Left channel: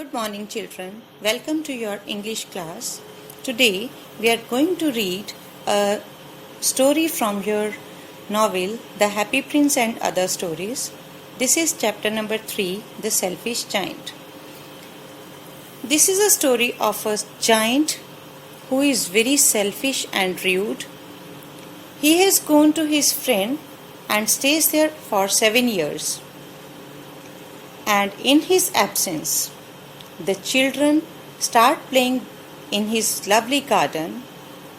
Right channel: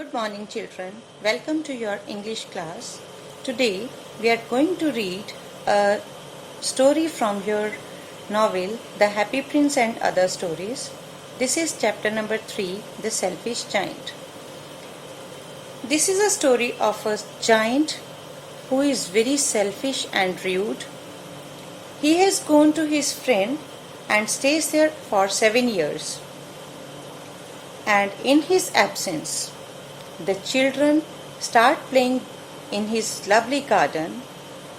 Good morning, children. Welcome to your English class. Today we are going to read a story from your novel, The Happy Prince and Other Stories. This is chapter number 3, The Selfish Giant. This is a story of a giant who is very selfish and rude. He has gone to his friend and stays there for 7 years. And in his absence, the children start playing in his lovely garden,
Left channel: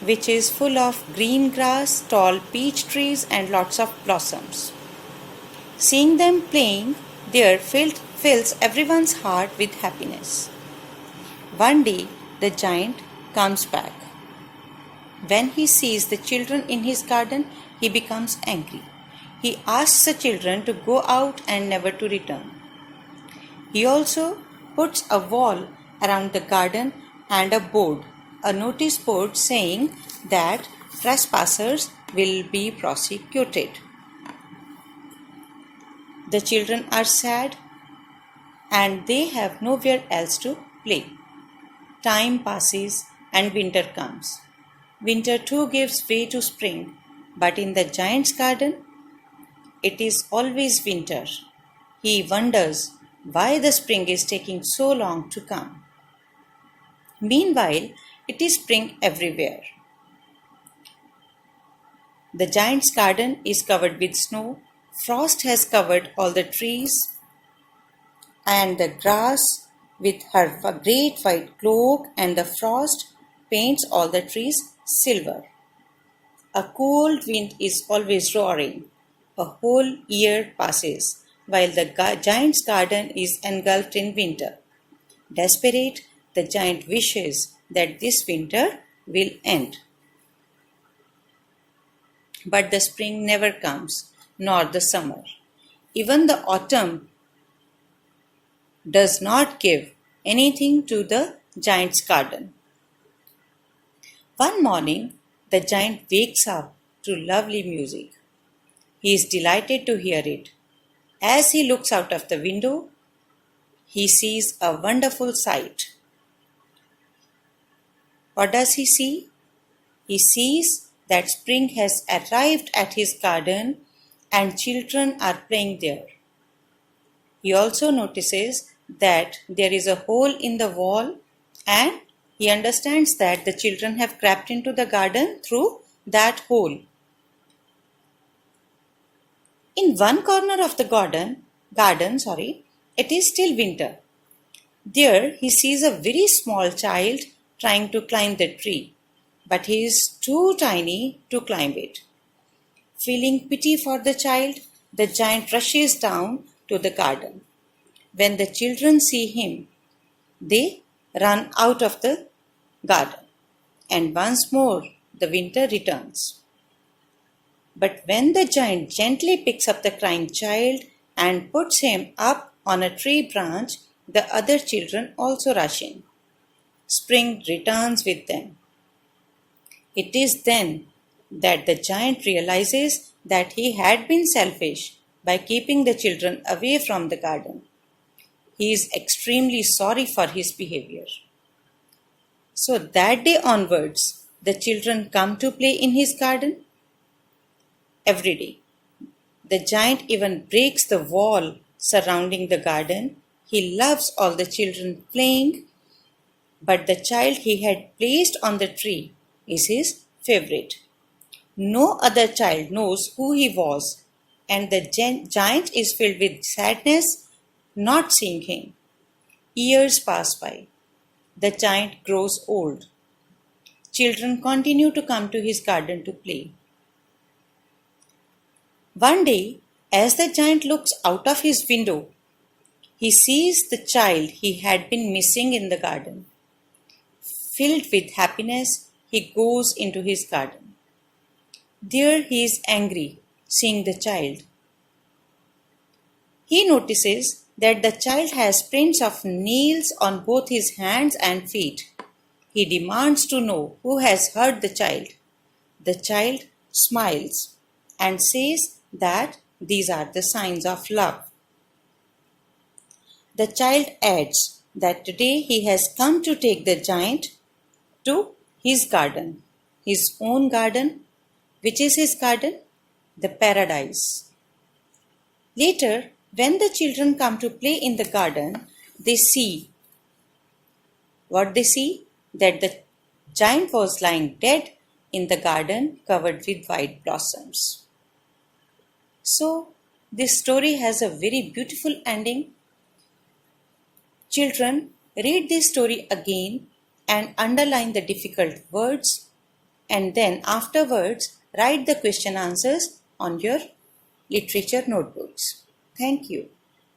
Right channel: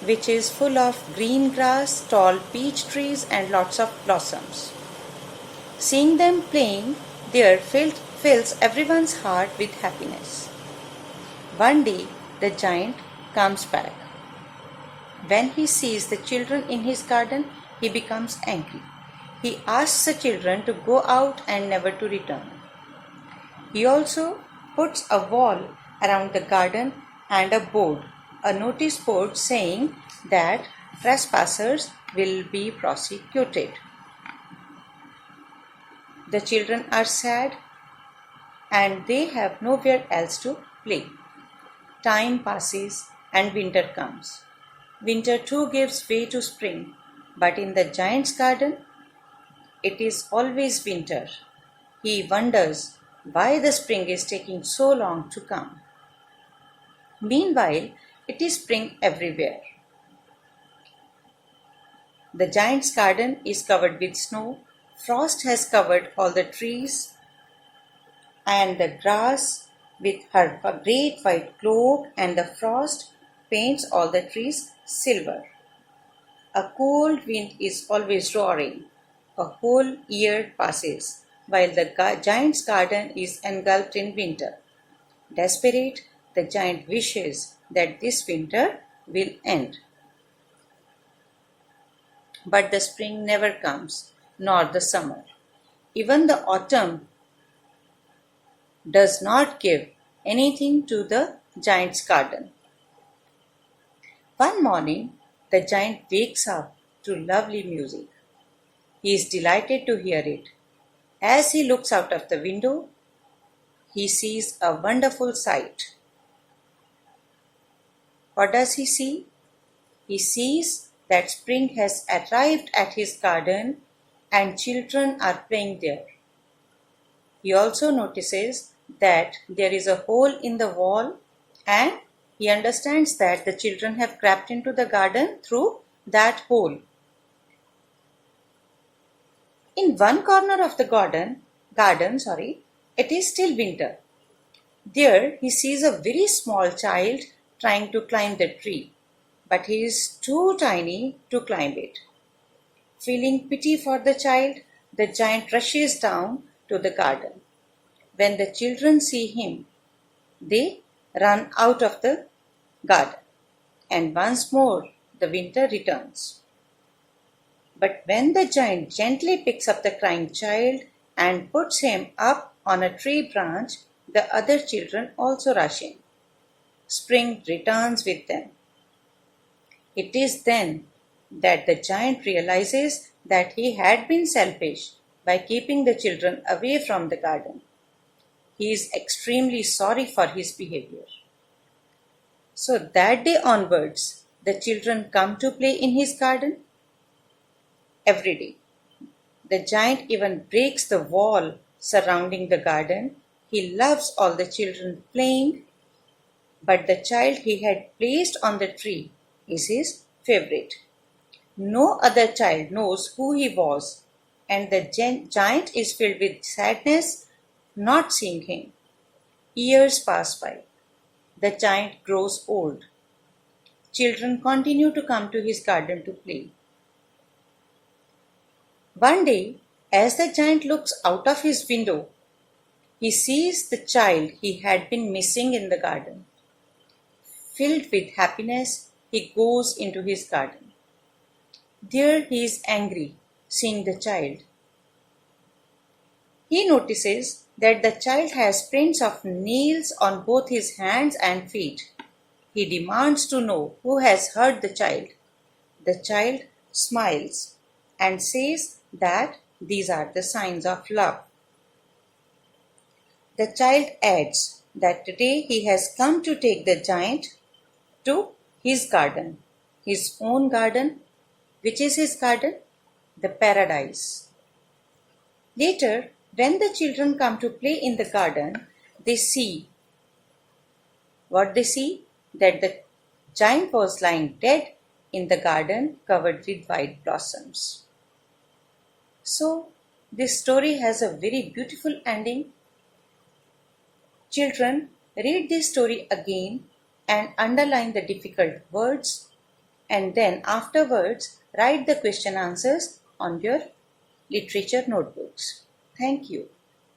which is full of green grass, tall peach trees, and lots of blossoms. Seeing them playing there fills everyone's heart with happiness. One day, the giant comes back. When he sees the children in his garden, he becomes angry. He asks the children to go out and never to return. He also puts a wall around the garden and a notice board saying that trespassers will be prosecuted. The children are sad and they have nowhere else to play. Time passes and winter comes. Winter too gives way to spring, but in the giant's garden, it is always winter. He wonders why the spring is taking so long to come. Meanwhile, it is spring everywhere. The giant's garden is covered with snow. Frost has covered all the trees and the grass with her great white cloak, and the frost paints all the trees silver. A cold wind is always roaring. A whole year passes while the giant's garden is engulfed in winter. Desperate, the giant wishes that this winter will end. But the spring never comes, nor the summer. Even the autumn does not give anything to the giant's garden. One morning, the giant wakes up to lovely music. He is delighted to hear it. As he looks out of the window, he sees a wonderful sight. What does he see? He sees that spring has arrived at his garden and children are playing there. He also notices that there is a hole in the wall, and he understands that the children have crept into the garden through that hole. In one corner of the garden, it is still winter. There he sees a very small child trying to climb the tree, but he is too tiny to climb it. Feeling pity for the child, the giant rushes down to the garden. When the children see him, they run out of the garden, and once more the winter returns. But when the giant gently picks up the crying child and puts him up on a tree branch, the other children also rush in. Spring returns with them. It is then that the giant realizes that he had been selfish by keeping the children away from the garden. He is extremely sorry for his behavior. So that day onwards, the children come to play in his garden every day. The giant even breaks the wall surrounding the garden. He loves all the children playing, but the child he had placed on the tree is his favorite. No other child knows who he was, and the giant is filled with sadness not seeing him. Years pass by. The giant grows old. Children continue to come to his garden to play. One day, as the giant looks out of his window, he sees the child he had been missing in the garden. Filled with happiness, he goes into his garden. There he is angry, seeing the child. He notices that the child has prints of nails on both his hands and feet. He demands to know who has hurt the child. The child smiles and says that these are the signs of love. The child adds that today he has come to take the giant to his garden, his own garden. Which is his garden? The paradise. Later, when the children come to play in the garden, they see what they see? That the giant was lying dead in the garden covered with white blossoms. So, this story has a very beautiful ending. Children, read this story again and underline the difficult words, and then afterwards write the question answers on your literature notebooks. Thank you.